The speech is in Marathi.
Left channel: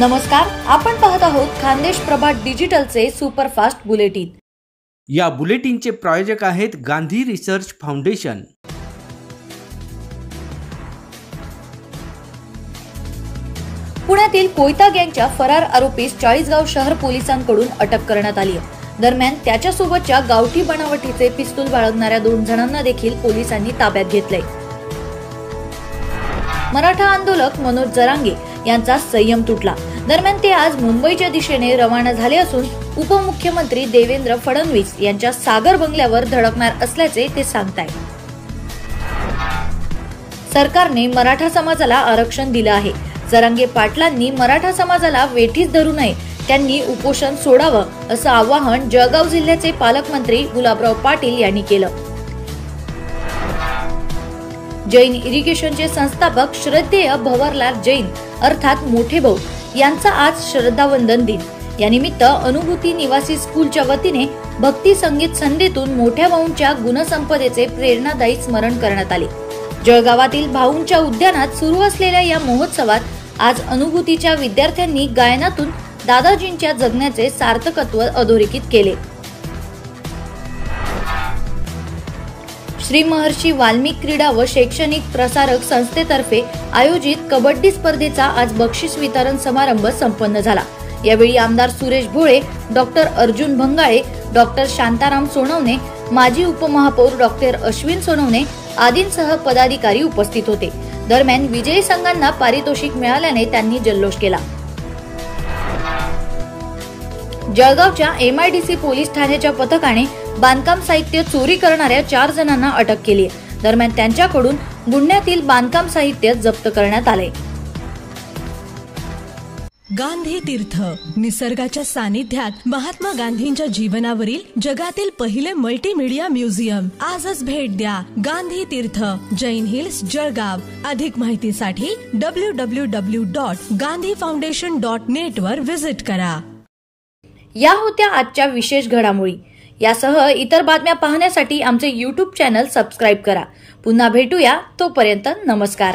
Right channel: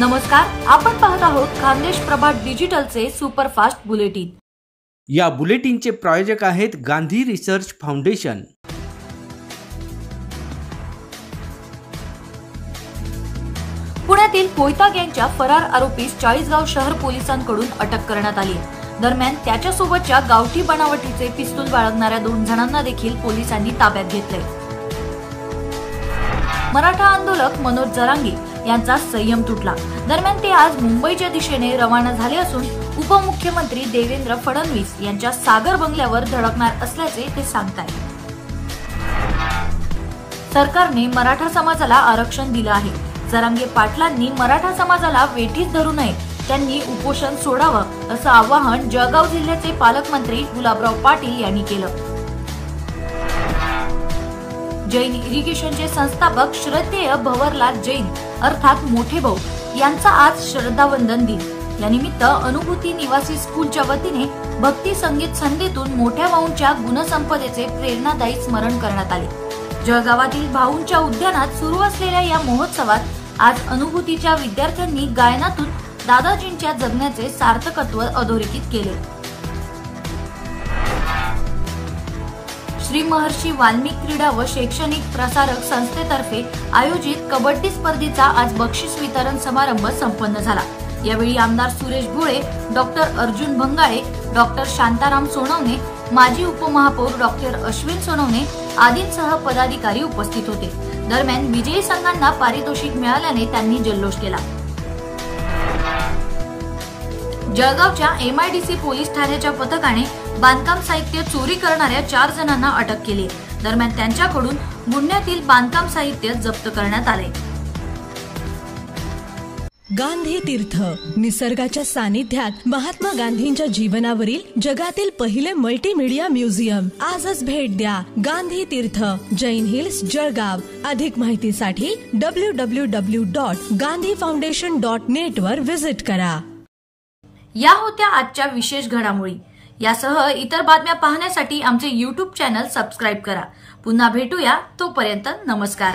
नमस्कार, आपण पाहत आहोत खानदेश प्रभा डिजिटलचे सुपरफास्ट बुलेटिन। या बुलेटिनचे प्रायोजक आहेत गांधी रिसर्च फाउंडेशन। पुण्यातील कोयता गँगच्या फरार आरोपीस चाळीसगाव शहर पोलिसांकडून अटक करण्यात आली आहे। दरम्यान त्याच्यासोबतच्या गावठी बनावटीचे पिस्तूल बाळगणाऱ्या 2 जणांना देखील पोलिसांनी ताब्यात घेतले। मराठा आंदोलक मनोज जरांगे यांचा संयम तुटला। दरम्यान ते आज मुंबईच्या दिशेने रवाना झाले असून उपमुख्यमंत्री देवेंद्र फडणवीस यांच्या सागर बंगल्यावर धडकणार असल्याचे ते सांगतायत। सरकारने मराठा समाजाला आरक्षण दिलं आहे। जरांगे पाटलांनी मराठा समाजाला वेठीस धरू नये, त्यांनी उपोषण सोडावं असं आवाहन जळगाव जिल्ह्याचे पालकमंत्री गुलाबराव पाटील यांनी केलं। जैन इरिगेशनचे संस्थापक श्रद्धेय भवरलाल जैन अर्थात मोठे भाऊ यांचा आज श्रद्धावंदन दिन। या निमित्त अनुभूती निवासी स्कूलच्या वतीने भक्ती संगीत संध्येतून मोठ्या भाऊंच्या गुणसंपदेचे प्रेरणादायी स्मरण करण्यात आले। जळगावातील भाऊंच्या उद्यानात सुरू असलेल्या या महोत्सवात आज अनुभूतीच्या विद्यार्थ्यांनी गायनातून दादाजींच्या जगण्याचे सार्थकत्व अधोरेखित केले। श्री महर्षी वाल्मिक क्रीडा व शैक्षणिक प्रसारक संस्थेतर्फे आयोजित कबड्डी स्पर्धेचा आज बक्षीस वितरण समारंभ संपन्न झाला। यावेळी आमदार सुरेश भोळे, डॉक्टर अर्जुन भंगाळे, डॉक्टर शांताराम सोनवणे, माजी उपमहापौर डॉक्टर अश्विन सोनवणे आदींसह पदाधिकारी उपस्थित होते। दरम्यान विजयी संघांना पारितोषिक मिळाल्याने त्यांनी जल्लोष केला। जळगावच्या MIDC पोलीस ठाण्याच्या पथकाने बांधकाम साहित्य चोरी करणाऱ्या 4 जणांना अटक केली आहे। दरम्यान त्यांच्याकडून गुन्ह्यातील बांधकाम साहित्य जप्त करण्यात आले। गांधी तीर्थ निसर्गाच्या सानिध्यात महात्मा गांधींच्या जीवनावरील जगातील पहिले मल्टीमीडिया म्युझियम आजच भेट द्या। गांधी तीर्थ, जैन हिल्स, जळगाव। अधिक माहितीसाठी www.gandhifoundation.net वर विजिट करा। या होत्या आजच्या विशेष घडामोडी। यासह इतर बातम्या पाहण्यासाठी आमचे YouTube चॅनल सबस्क्राइब करा। पुन्हा भेटूया, तोपर्यंत नमस्कार।